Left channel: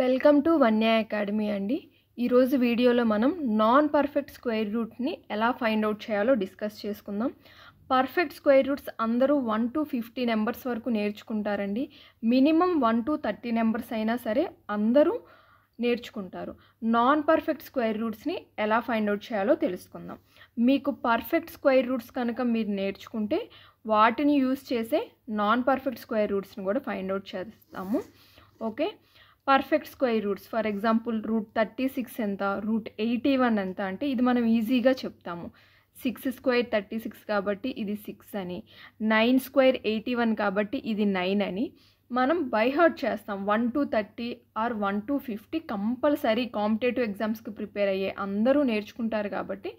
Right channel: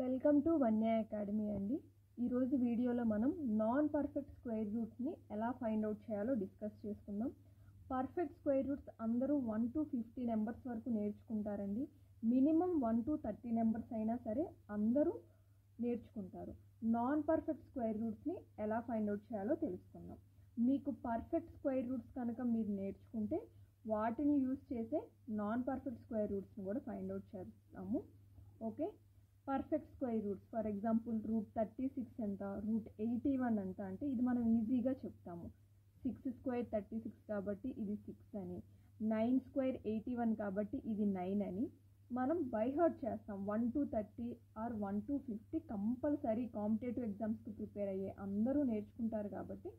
Welcome to Vanya academy అండి. ఈరోజు వీడియోలో మనం నాన్ పర్ఫెక్ట్ స్క్వేర్ రూట్ని ఎలా ఫైండ్ అవుట్ చేయాలో డిస్కస్ చేసుకుందాం. పర్ఫెక్ట్ స్క్వేర్ రూట్స్ అందరూ 1 to 50 నెంబర్స్ వరకు నేర్చుకుంటారండి. మినిమం 1 to 30 నెంబర్స్ అయినా సరే అందరూ నేర్చుకుంటారు. నాన్ పర్ఫెక్ట్ స్క్వేర్ రూట్స్ని ఎలా ఫైండ్ అవుట్ చేయాలో తెలుసుకుందాం. మీకు పర్ఫెక్ట్ స్క్వేర్ రూట్స్ కనుక మీరు నేర్చుకుంటే వాటిని యూజ్ చేసే నాన్ పర్ఫెక్ట్ స్క్వేర్ రూట్స్ని కూడా ఫైండ్ అవుట్ చేస్తాము. Okay, perfect square roots for example route 36 ఎంత, రూట్ 81 ఎంత అంటే ఇది మనం ఈజీగా చెప్తాము. 6 స్క్వేర్ 36 కాబట్టి ఇది 6 అని, 9 స్క్వేర్ 81 కాబట్టి ఇది 9 అని మనం బై హార్ట్ చేస్తాం. 1 to 30 or 1 to 50 compulsory competitive ఎగ్జామ్స్కి ప్రిపేర్ అయ్యే అందరూ నేర్చుకుంటారు కాబట్టి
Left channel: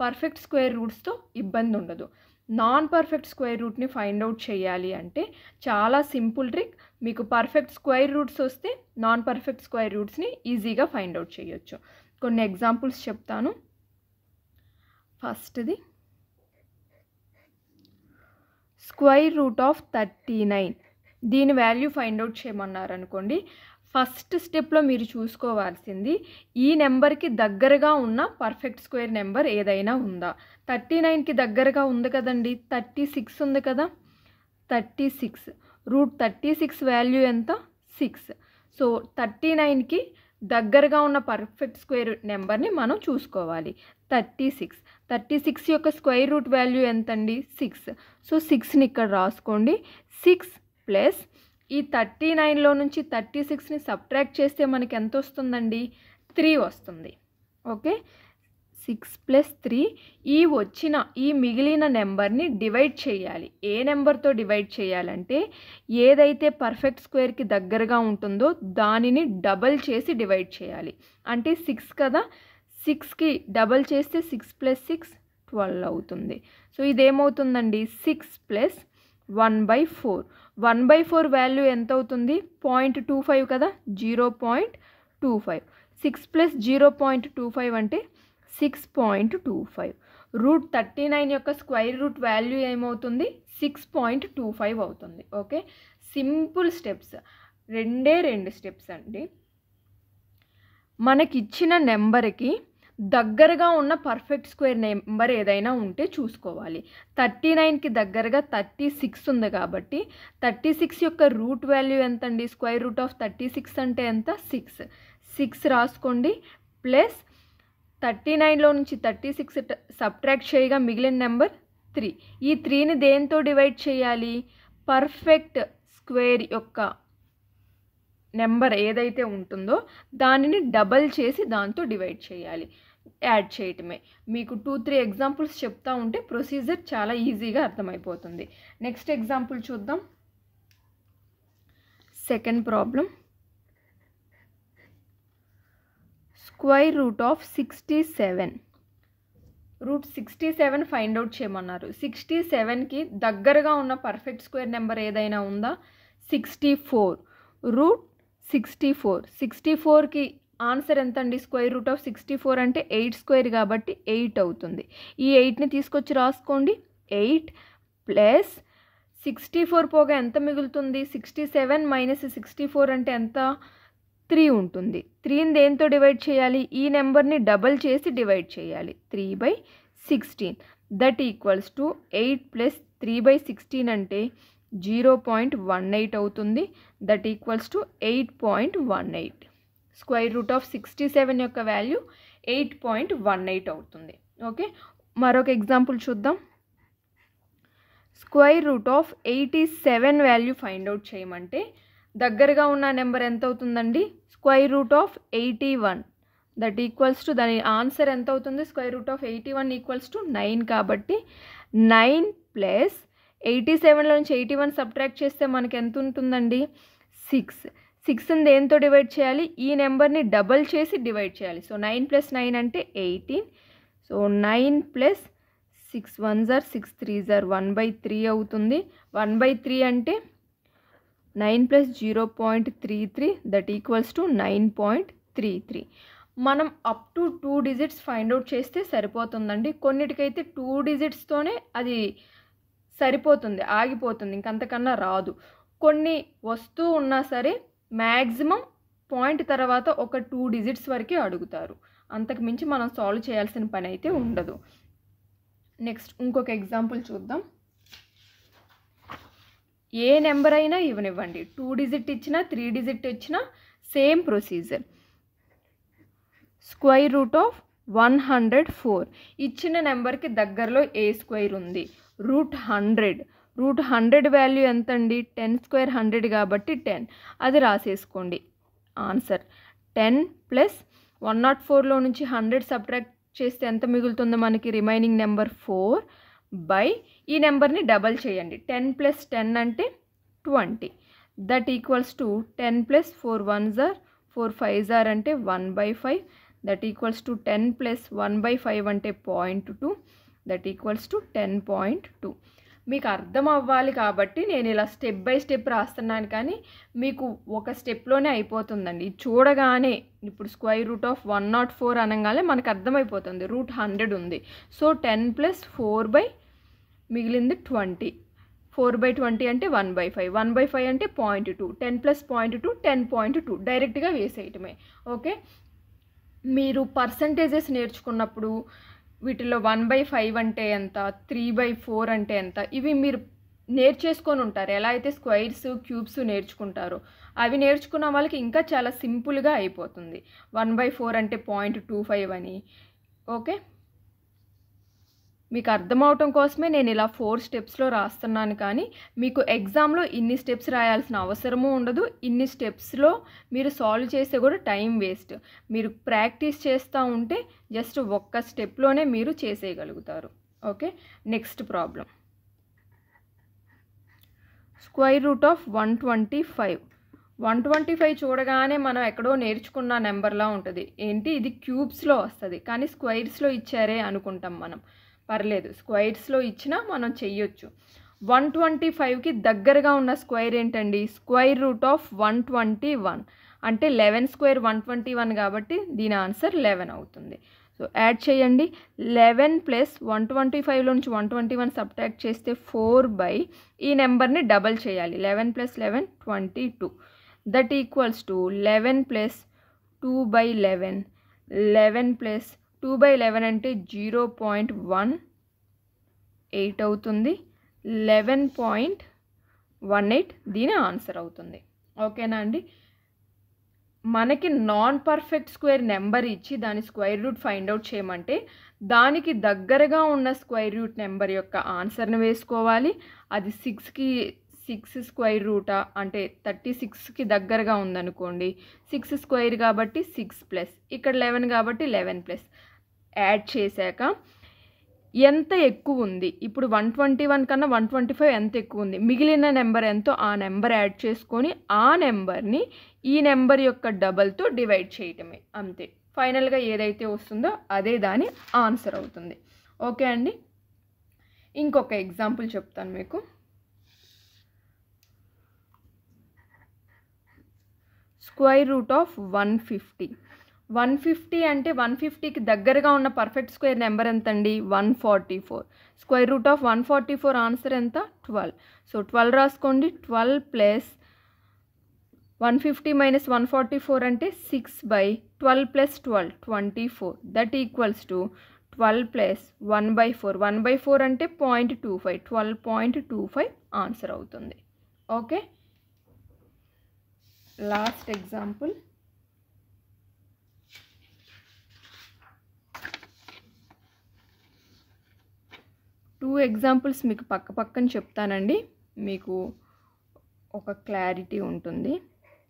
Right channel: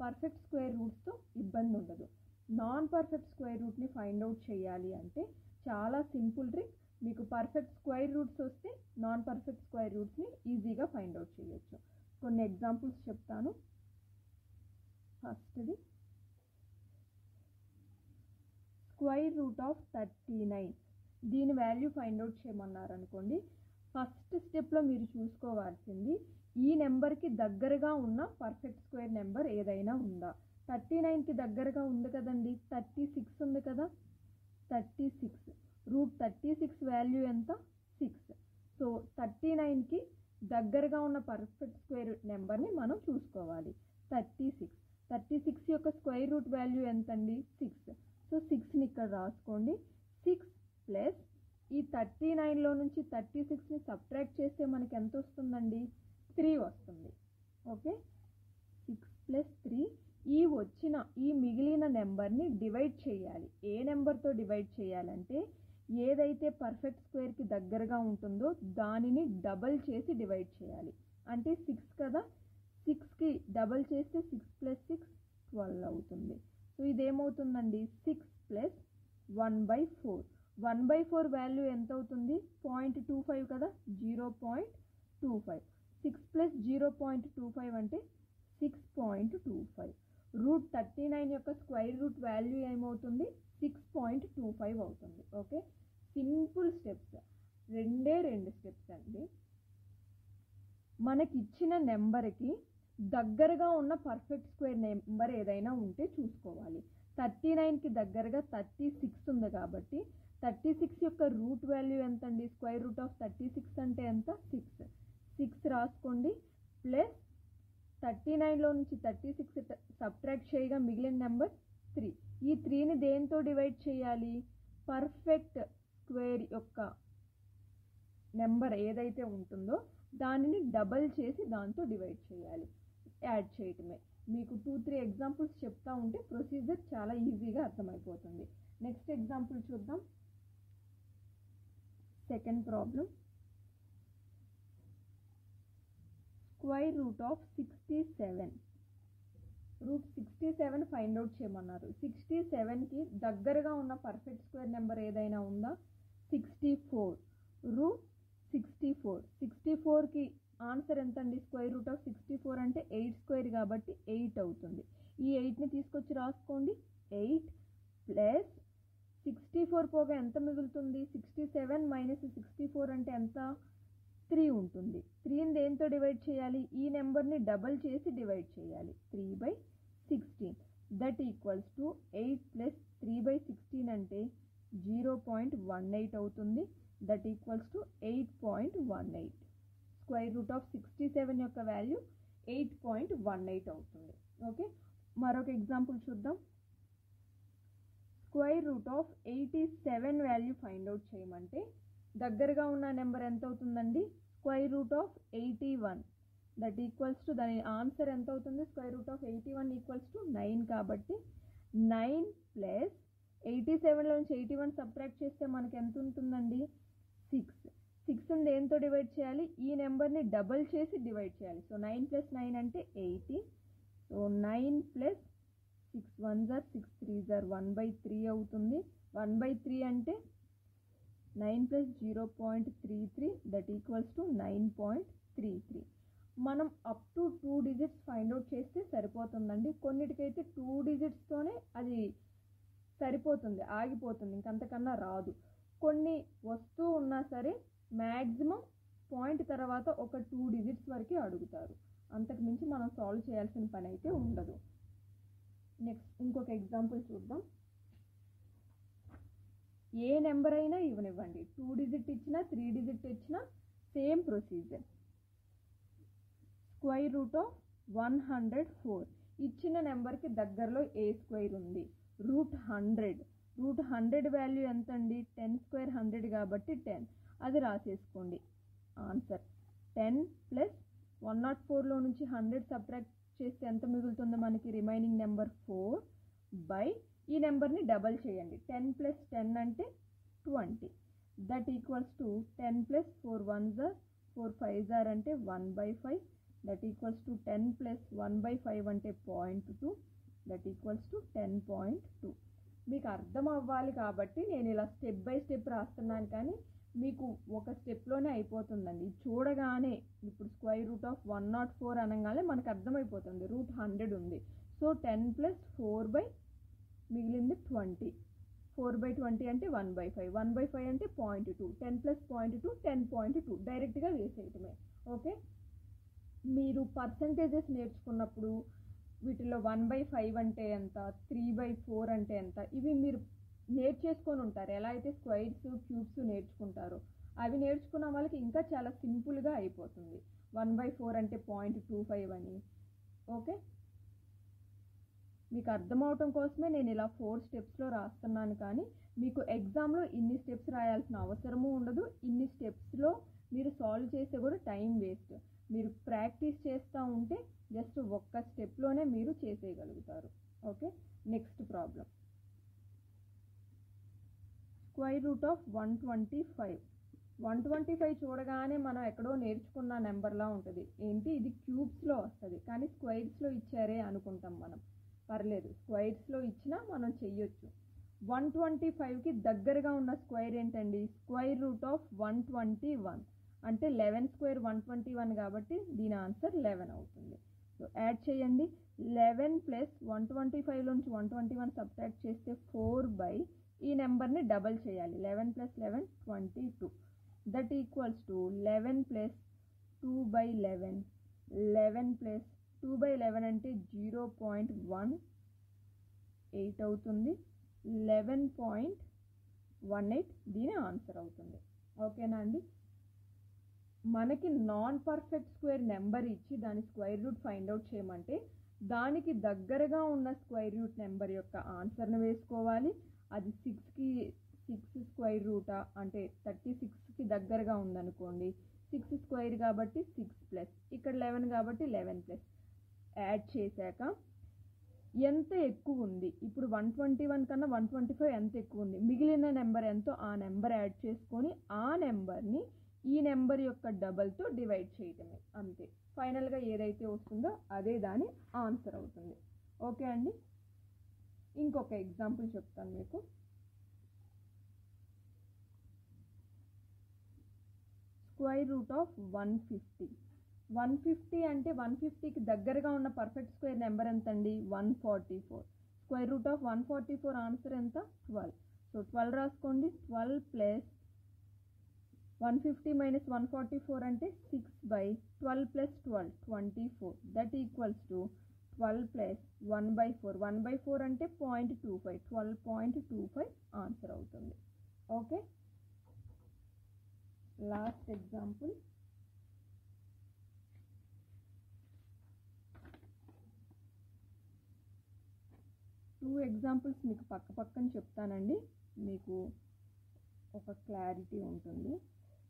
పర్ఫెక్ట్ స్క్వేర్ రూట్స్తో ఇబ్బంది ఉండదు. నాన్ పర్ఫెక్ట్ స్క్వేర్ రూట్ని ఫైండ్ అవుట్ చేయాలి అంటే చాలా సింపుల్ ట్రిక్. మీకు పర్ఫెక్ట్ స్క్వేర్ రూట్స్ వస్తే నాన్ పర్ఫెక్ట్ స్క్వేర్ రూట్స్ని ఈజీగా ఫైండ్ అవుట్ చేయొచ్చు. కొన్ని ఎగ్జాంపుల్స్ చెప్తాను. ఫస్ట్ది స్క్వేర్ రూట్ ఆఫ్ 39. దీని వాల్యూ ఫైండ్ అవుట్ చేయమన్నారు అనుకోండి. ఫస్ట్ స్టెప్లో మీరు చూసుకోవాల్సింది ఈ నెంబర్కి దగ్గరగా ఉన్న పర్ఫెక్ట్ స్క్వేర్ నెంబర్ ఏదైనా ఉందా. 39కి దగ్గరగా ఉంది కదండి, 36 ఉంది కదా. 36 రూట్ 36 వాల్యూ ఎంత, 6. సో 39కి దగ్గరగా ఉన్న పర్ఫెక్ట్ స్క్వేర్ నెంబర్ని మనం చూసుకోవాలి. 36 యొక్క స్క్వేర్ రూట్ వాల్యూ ఎంతండి, 6. సో 6ని ఇక్కడ రాసుకోండి. 6 ప్లస్ ఈ 39లో నుంచి 36ని సబ్ట్రాక్ట్ చేస్తే మనకి ఎంత వస్తుందండి, 3 వస్తుంది. Okay, 6 plus 3. ఈ మిగిలిన నెంబర్ని డివైడ్ చేయాలి. ఏ నెంబర్తో డివైడ్ చేయాలంటే ఏదైతే పర్ఫెక్ట్ స్క్వేర్కి దగ్గరగా ఉంటుందో దానిని డబల్ చేసి డివైడ్ చేయాలి. అంటే 6 కదా, 6కి డబల్ చేస్తే 6 ప్లస్ 6 12 అవుతుంది. So ఇదేమవుతుందండి, 6 plus 1/4. 1/4 వాల్యూ ఎంత అవుతుంది, 0.25 కదా, 0.25. 6 ప్లస్ 0.25 అంటే 6.25. రూట్ 39 యొక్క స్క్వేర్ రూట్ వాల్యూ ఏమవుతుంది, 6.25 అవుతుంది. ఓకే, సింపుల్ స్టెప్స్, రెండు స్టెప్స్ అండి. మనకిచ్చిన నెంబర్కి దగ్గరగా ఉన్న పర్ఫెక్ట్ స్క్వేర్ నెంబర్ ఏదైనా ఉంటే చూసుకోవాలి. 39కి దగ్గరగా 36 ఉంది కాబట్టి 36 యొక్క రూట్ వాల్యూ ఎంత అండి, స్క్వేర్ రూట్ ఆఫ్ 36 అంటే ఎంత, 6 రాసుకోండి. ప్లస్ 39లో నుంచి 36 సబ్ట్రాక్ట్ చేయగా మిగిలిన నెంబర్ 3. ఈ 3ని దేంతో డివైడ్ చేయాలి, పర్ఫెక్ట్ స్క్వేర్ యొక్క నెంబర్ ఏదైతే ఉంటుందో దానిని డబల్ చేసి దాంతో డివైడ్ చేయాలి. యాడ్ చేయటమే. మీకు 2-3 ఎగ్జాంపుల్స్ చెప్తా ఉంటే ప్రొసీజర్ చాలా ఈజీగా అర్థమైపోతుంది. నెక్స్ట్ ఎగ్జాంపుల్ చూద్దాం. Second problem, square root of 67. Root 67 find out చేయమన్నారు. 67కి దగ్గరగా ఉన్న పర్ఫెక్ట్ స్క్వేర్ నెంబర్ ఏదైనా ఉందా, 64. రూట్ 64కి ఆన్సర్ ఎంత అండి, స్క్వేర్ రూట్ ఆఫ్ 64 అంటే 8 స్క్వేర్ కాబట్టి 8 అవుతుంది. ఈ 8ని తీసుకొచ్చి రాసుకోండి. 8 ప్లస్ 64 పోగా ఎంత మిగులుతుంది, 67 మైనస్ 64 అంటే ఎంత, 3 ఉంటుంది. 3ని దేంతో డివైడ్ చేయాలి, ఈ నెంబర్ని డబల్ చేసి డివైడ్ చేయాలి. 3/16 దట్ ఈక్వల్స్ టు 8 ప్లస్ 3/16 అంటే 0.18 అవుతుంది. That equals to 8.18. Square root of 67 యొక్క వాల్యూ 8.18 అవుతుంది. ఓకే, మరొక ఎగ్జాంపుల్ చూద్దాం. Square root of 87 value find out చేయమంటే దగ్గరగా ఉన్న నెంబర్ ఎంత అవుతుందండి, square root of 81. That equals to దాని ఆన్సర్ ఎంత అవుతుంది, square root of 81 equals to 9 కాబట్టి 9 ప్లస్ 87లో నుంచి 81 సబ్ట్రాక్ట్ చేస్తే మనకి ఎంత ఉంటుందండి, 6. 6ని దేంతో డివైడ్ చేయాలి, ఈ నెంబర్ని డబల్ చేసి డివైడ్ చేయాలి. సో 9 ప్లస్ 9 అంటే 18. So 9 plus 6 1s are 6 3s are 1/3 అవుతుంది. 1/3 అంటే 9 ప్లస్ 0.33 దట్ ఈక్వల్స్ టు 9.33. మనం up to 2 digits find out చేస్తే సరిపోతుందండి. కొన్నిటికైతే 2 డిజిట్స్తోనే అది సరిపోతుంది, ఆగిపోతుంది, ఇంకంతకన్నా రాదు. కొన్ని వస్తూ ఉన్నా సరే మ్యాక్సిమం పాయింట్ తర్వాత ఒక 2 డిజిట్స్ వరకే అడుగుతారు. అంతకు మించి మనం సాల్వ్ చేయాల్సిన పని అయితే ఉండదు. నెక్స్ట్ ఇంకొక ఎగ్జాంపుల్ చూద్దాం. ఏ నెంబర్ అయినా ఇవ్వనివ్వండి, 2 డిజిట్ ఇచ్చినా 3 డిజిట్ ఇచ్చినా same procedure. Square root of 104 ఇచ్చిన నెంబర్కి దగ్గరలో ఏ స్క్వేర్ ఉంది, రూట్ 100 వాల్యూ ఎంత అండి, 10 స్క్వేర్ 100 కాబట్టి 10, అది రాసేసుకోండి. ఆన్సర్ 10 ప్లస్ 104లో నుంచి 100 సబ్ట్రాక్ట్ చేస్తే ఎంత మిగులుతుందో మనకి రిమైనింగ్ నెంబర్ 4 బై ఈ నెంబర్ని డబల్ చేయండి. 10 ప్లస్ 10 అంటే 20, that equals to 10 plus 4 1s are 4 5s are అంటే 1/5, దట్ ఈక్వల్స్ టు 10 ప్లస్ 1/5 అంటే 0.2, దట్ ఈక్వల్స్ టు 10.2. మీకు అర్థం అవ్వాలి కాబట్టి నేను ఇలా స్టెప్ బై స్టెప్ రాస్తున్నాను, కానీ మీకు ఒక స్టెప్లోనే అయిపోతుందండి. చూడగానే ఇప్పుడు స్క్వేర్ రూట్ ఆఫ్ 104 అనగానే మనకు అర్థమైపోతుంది రూట్ 100 ఉంది. సో 10 ప్లస్ 4 బై మిగిలింది 20, 4/20 అంటే 1/5, 1/5 అంటే 0.2, 10 ప్లస్ 0.2 10.2 డైరెక్ట్గా వేసేయటమే. ఓకే, మీరు పర్సంటేజెస్ నేర్చుకున్నప్పుడు వీటిలో 1/5 అంటే ఎంత, 3/4 అంటే ఎంత, ఇవి మీరు నేర్చేసుకొని ఉంటారు. ఎలా అయితే స్క్వైర్స్ క్యూబ్స్ నేర్చుకుంటారో అవి నేర్చుకున్న వాళ్ళకి ఇంకా చాలా సింపుల్గా అయిపోతుంది. 1/4 అంటే 0.25 అని. ఓకే, మీకు అర్థమవటం కోసమే నేను ఇలా 4 స్టెప్స్లో రాస్తున్నాను, కానీ మీకు ఎగ్జామ్లో ఇన్ని స్టెప్స్ రాయాల్సిన అవసరము ఉండదు. ఇన్ని స్టెప్స్లో మీరు సాల్వ్ చేస్తే కూడా టైం వేస్ట్. మీరు ప్రాక్టీస్ చేస్తూ ఉంటే జస్ట్ ఒక్క స్టెప్లోనే మీరు చేసేయగలుగుతారు. Okay, next problem. Square root of 125 చూడగానే మనం ఎక్కడో నేర్చుకున్న నెంబర్లా ఉంటుంది. ఏంటి ఇది క్యూబ్స్లో వస్తుంది, కానీ స్క్వేర్స్లో ఇచ్చారే అనుకుంటాం మనం. పర్లేదు, స్క్వేర్స్లో ఇచ్చినా మనం చెయ్యొచ్చు. 125కి దగ్గరగా ఉన్న స్క్వేర్ ఏంటండి, స్క్వేర్ రూట్ ఆఫ్ 121 అంటే 11 స్క్వేర్ 121 కాబట్టి దీని ఆన్సర్ 11 అవుతుంది. సో యాడ్ చేయండి. 11 ప్లస్ 125లో నుంచి 121 సబ్ట్రాక్ట్ చేస్తే 4 బై ఈ నెంబర్ని డబల్ చేయాలి. 11 plus 11 22, that equals to 11 plus 2/11, 11 plus 2/11 అంటే 0.18 అవుతుంది. 11.18 దీని ఆన్సర్ అవుతుంది. ఓకేనా అండి. మనకి నాన్ పర్ఫెక్ట్ స్క్వేర్ నెంబర్ ఇచ్చి దాని స్క్వేర్ రూట్ ఫైండ్ అవుట్ చేయమంటే దానికి దగ్గరగా ఉన్న స్క్వేర్ రూట్ నెంబర్ యొక్క ఆన్సర్ని వేసుకోవాలి. అది 6 స్క్వేర్ రూటా అంటే 36కి దగ్గరగా ఉందనుకోండి, 6 స్క్వేర్ కాబట్టి 6 ప్లస్, ఇక్కడ 11 కాబట్టి 11 ప్లస్ యాడ్ చేశాక ఎంత ఎక్కువ ఉంది, ఇప్పుడు 121 కన్నా 125 ఎంత ఎక్కువ ఉంది, మిగిలిన నెంబర్ ఎంతో ఆ నెంబర్ యాడ్ చేసుకొని ఆ నెంబర్ని ఈ నెంబర్ యొక్క డబల్తో డివైడ్ చేయటమే, అంతే. ఫైనల్గా ఏదైతే వస్తుందో అదే దాని ఆన్సర్ అవుతుంది. ఓకే అండి. ఇంకొక ఎగ్జాంపుల్ చెప్తాను మీకు. స్క్వేర్ రూట్ ఆఫ్ 150 అంటే 150కి దగ్గరగా ఉన్న పర్ఫెక్ట్ స్క్వేర్ నెంబర్ ఎంత అండి, 144. స్క్వేర్ రూట్ ఆఫ్ 144 ఆన్సర్ ఎంత, 12. సో 12 రాసుకోండి. 12 ప్లస్ 150 మైనస్ 144 అంటే 6/12 plus 12 24, that equals to 12 plus 1/4, 1/4 అంటే 0.25, 12.25 ఆన్సర్ అవుతుంది. Okay, last example. Two examples మీకు పక్కన చెప్తానండి, మీకు ఒక క్లారిటీ ఉంటుంది.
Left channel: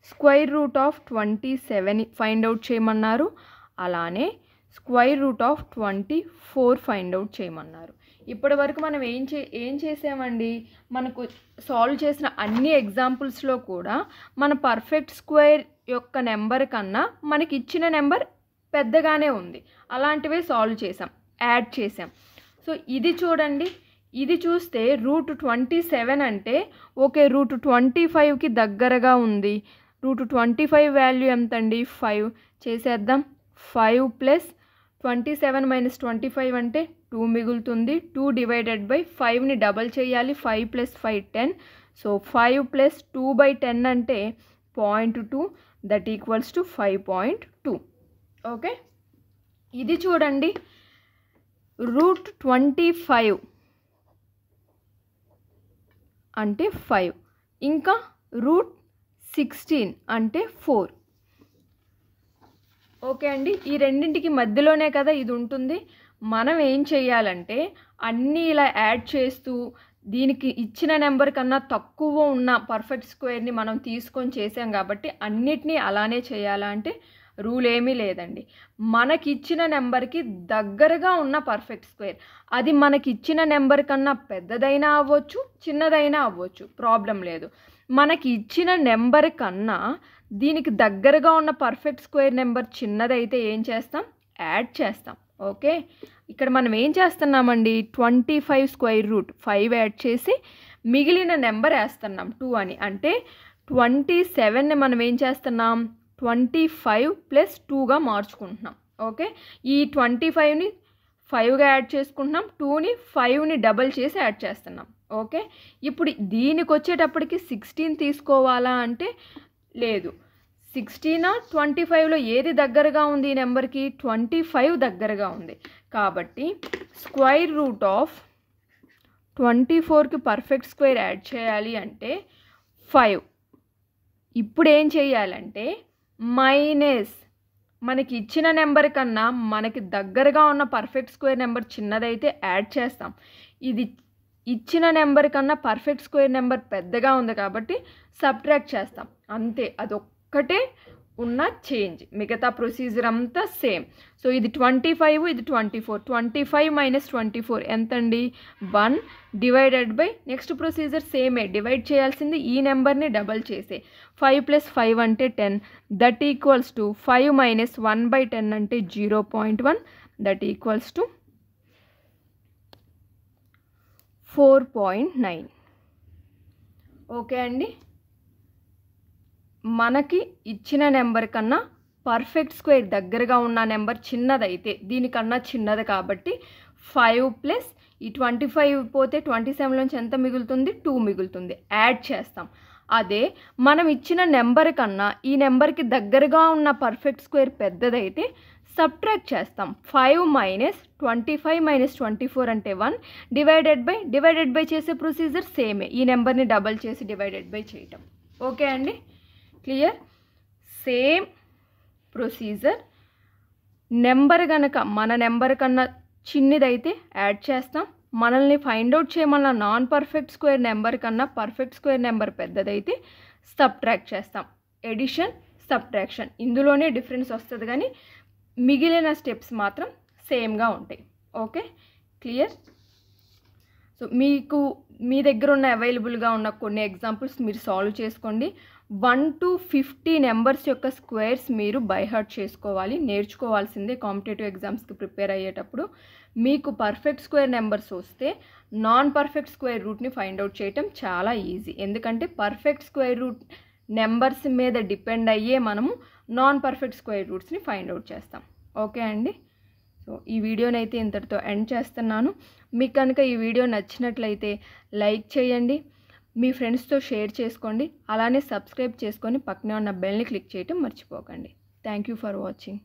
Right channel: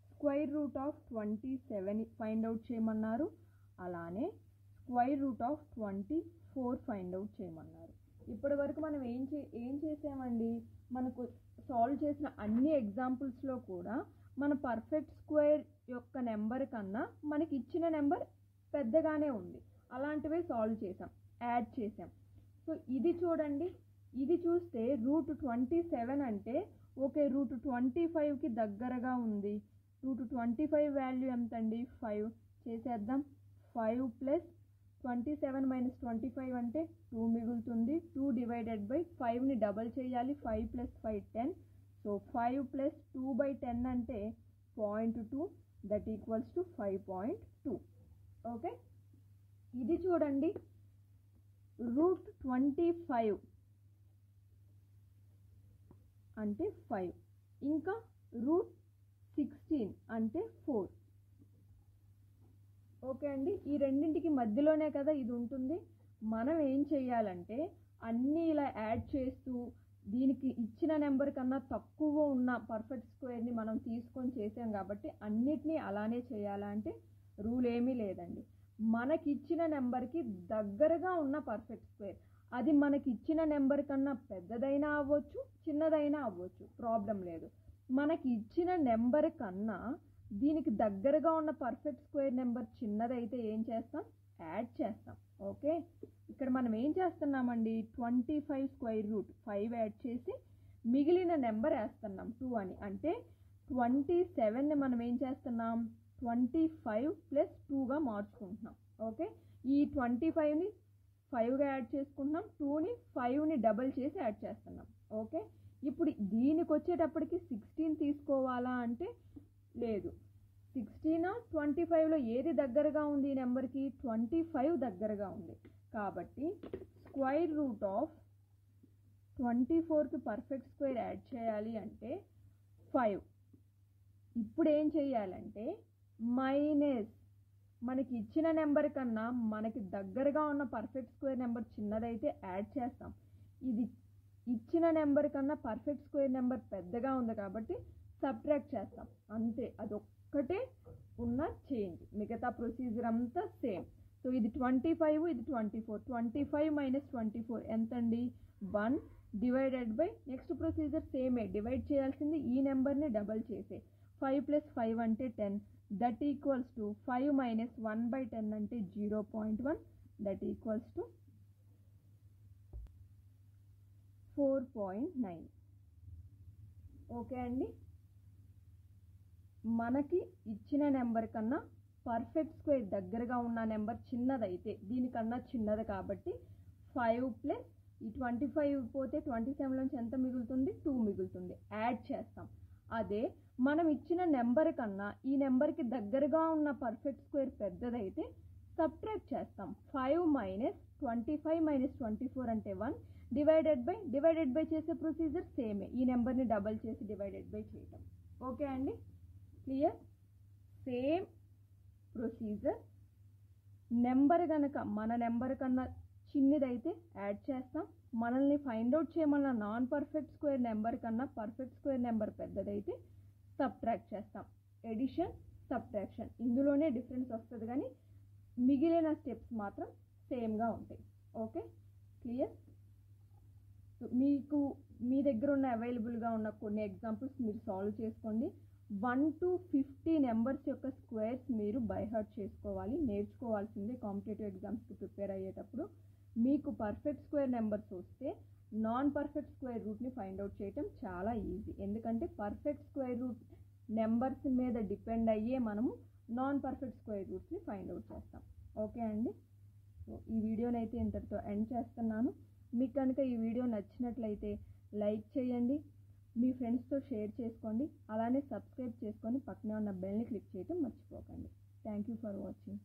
Square root of 27 find out చేయమన్నారు, అలానే square root of 24 find out చేయమన్నారు. ఇప్పటి వరకు మనం ఏం చేసామండి, మనకు సాల్వ్ చేసిన అన్ని ఎగ్జాంపుల్స్లో కూడా మన పర్ఫెక్ట్ స్క్వేర్ యొక్క నెంబర్ కన్నా మనకి ఇచ్చిన నెంబర్ పెద్దగానే ఉంది, అలాంటివే సాల్వ్ చేసాం, యాడ్ చేసాం. సో ఇది చూడండి, ఇది చూస్తే రూట్ 27 అంటే ఓకే రూట్ 25కి దగ్గరగా ఉంది. రూట్ 25 వాల్యూ ఎంత అండి, 5 చేసేద్దాం. 5 ప్లస్ 27 మైనస్ 25 అంటే 2 మిగులుతుంది. 2 డివైడెడ్ బై 5ని డబల్ చేయాలి. 5 ప్లస్ 5 10. సో 5 ప్లస్ 2/10 అంటే 0.2, దట్ ఈక్వల్స్ టు 5.2. ఓకే, ఇది చూడండి, √25 అంటే 5, ఇంకా √16 అంటే 4. ఓకే అండి, ఈ రెండింటికి మధ్యలోనే కదా ఇది ఉంటుంది. మనం ఏం చేయాలంటే అన్నీ ఇలా యాడ్ చేస్తూ దీనికి ఇచ్చిన నెంబర్ కన్నా తక్కువ ఉన్న పర్ఫెక్ట్ స్క్వేర్ని మనం తీసుకొని చేసాం కాబట్టి అన్నిటినీ అలానే చేయాలా అంటే రూల్ ఏమీ లేదండి. మనకి ఇచ్చిన నెంబర్కి దగ్గరగా ఉన్న పర్ఫెక్ట్ స్క్వేర్, అది మనకి ఇచ్చిన నెంబర్ కన్నా పెద్దదైనా అవ్వచ్చు, చిన్నదైనా అవ్వచ్చు, ప్రాబ్లం లేదు. మనకి ఇచ్చిన నెంబర్ కన్నా దీనికి దగ్గరగా ఉన్న పర్ఫెక్ట్ స్క్వేర్ నెంబర్ చిన్నదైతే ఏం చేస్తాం, యాడ్ చేస్తాం. ఓకే, ఇక్కడ మనం ఏం చేస్తున్నామండి, 25 స్క్వేర్ రూట్ 5 యాడ్ చేసి మిగిలిన నెంబర్ వేస్తున్నాం 2 అని. అంటే 27ని మనం ఏం చేస్తున్నాం, 25 + 2గా మార్చుకుంటున్నాం. ఓకే, ఈ 25ని 5గా యాడ్ చేసుకుంటున్నాం, 2ని 5ని డబల్ చేసి యాడ్ చేస్తున్నాం. ఓకే, ఇప్పుడు దీనికి వచ్చేటప్పటికి 16 తీసుకోవాలా అంటే లేదు. 16 25లో ఏది దగ్గరగా ఉంది ఈ నెంబర్కి, 25 దగ్గరగా ఉంది. కాబట్టి స్క్వేర్ రూట్ ఆఫ్ 24కి పర్ఫెక్ట్ స్క్వేర్ యాడ్ చేయాలి అంటే 5. ఇప్పుడు ఏం చేయాలంటే మైనస్ మనకి ఇచ్చిన నెంబర్ కన్నా మనకి దగ్గరగా ఉన్న పర్ఫెక్ట్ స్క్వేర్ నెంబర్ చిన్నదైతే యాడ్ చేస్తాం. ఇది ఇచ్చిన నెంబర్ కన్నా పర్ఫెక్ట్ స్క్వేర్ నెంబర్ పెద్దగా ఉంది కాబట్టి సబ్ట్రాక్ట్ చేస్తాం. అంతే, అదొక్కటే ఉన్న చేంజ్, మిగతా ప్రొసీజర్ అంతా సేమ్. సో ఇది 25, ఇది 24. 25 - 24 ఎంతండి, 1 డివైడెడ్ బై నెక్స్ట్ ప్రొసీజర్ సేమే, డివైడ్ చేయాల్సింది ఈ నెంబర్ని డబల్ చేసే. 5 + 5 అంటే 10, దట్ ఈక్వల్స్ టు 5 - 1/10 అంటే 0.1, దట్ ఈక్వల్స్ టు 4.9. ఓకే అండి, మనకి ఇచ్చిన నెంబర్ కన్నా పర్ఫెక్ట్ స్క్వేర్ దగ్గరగా ఉన్న నెంబర్ చిన్నదైతే, దీనికన్నా చిన్నది కాబట్టి 5 + ఈ 25 పోతే 27 నుంచి ఎంత మిగులుతుంది, 2 మిగులుతుంది, యాడ్ చేస్తాం. అదే మనం ఇచ్చిన నెంబర్ కన్నా ఈ నెంబర్కి దగ్గరగా ఉన్న పర్ఫెక్ట్ స్క్వేర్ పెద్దదైతే సబ్ట్రాక్ట్ చేస్తాం. 5 - 25 - 24 అంటే 1 డివైడెడ్ బై చేసే ప్రొసీజర్ సేమే, ఈ నెంబర్ని డబల్ చేసి డివైడెడ్ బై చేయటం. ఓకే అండి, క్లియర్. సేమ్ ప్రొసీజర్, నెంబర్ కనుక మన నెంబర్ కన్నా చిన్నదైతే యాడ్ చేస్తాం. మనల్ని ఫైండ్ అవుట్ చేయమన్న నాన్ పర్ఫెక్ట్ స్క్వేర్ నెంబర్ కన్నా పర్ఫెక్ట్ స్క్వేర్ నెంబర్ పెద్దదైతే సబ్ట్రాక్ట్ చేస్తాం. ఎడిషన్, సబ్ట్రాక్షన్ ఇందులోనే డిఫరెన్స్ వస్తుంది కానీ మిగిలిన స్టెప్స్ మాత్రం సేమ్గా ఉంటాయి. Okay, clear. సో మీకు మీ దగ్గర ఉన్న అవైలబుల్గా ఉన్న కొన్ని ఎగ్జాంపుల్స్ మీరు సాల్వ్ చేసుకోండి. 1 to 50 నెంబర్స్ యొక్క స్క్వేర్స్ మీరు బై హార్ట్ చేసుకోవాలి, నేర్చుకోవాల్సిందే. కాంపిటేటివ్ ఎగ్జామ్స్కి ప్రిపేర్ అయ్యేటప్పుడు మీకు పర్ఫెక్ట్ స్క్వేర్ నెంబర్స్ వస్తే నాన్ పర్ఫెక్ట్ స్క్వేర్ రూట్ని ఫైండ్ అవుట్ చేయటం చాలా ఈజీ. ఎందుకంటే పర్ఫెక్ట్ స్క్వేర్ రూట్ నెంబర్స్ మీద డిపెండ్ అయ్యే మనము నాన్ పర్ఫెక్ట్ స్క్వేర్ రూట్స్ని ఫైండ్ అవుట్ చేస్తాం. ఓకే అండి, సో ఈ వీడియోని అయితే ఇంతటితో ఎండ్ చేస్తున్నాను. మీకు కనుక ఈ వీడియో నచ్చినట్లయితే లైక్ చేయండి, మీ ఫ్రెండ్స్తో షేర్ చేసుకోండి, అలానే సబ్స్క్రైబ్ చేసుకొని పక్కనే ఉన్న బెల్ని క్లిక్ చేయటం మర్చిపోకండి. Thank you for watching.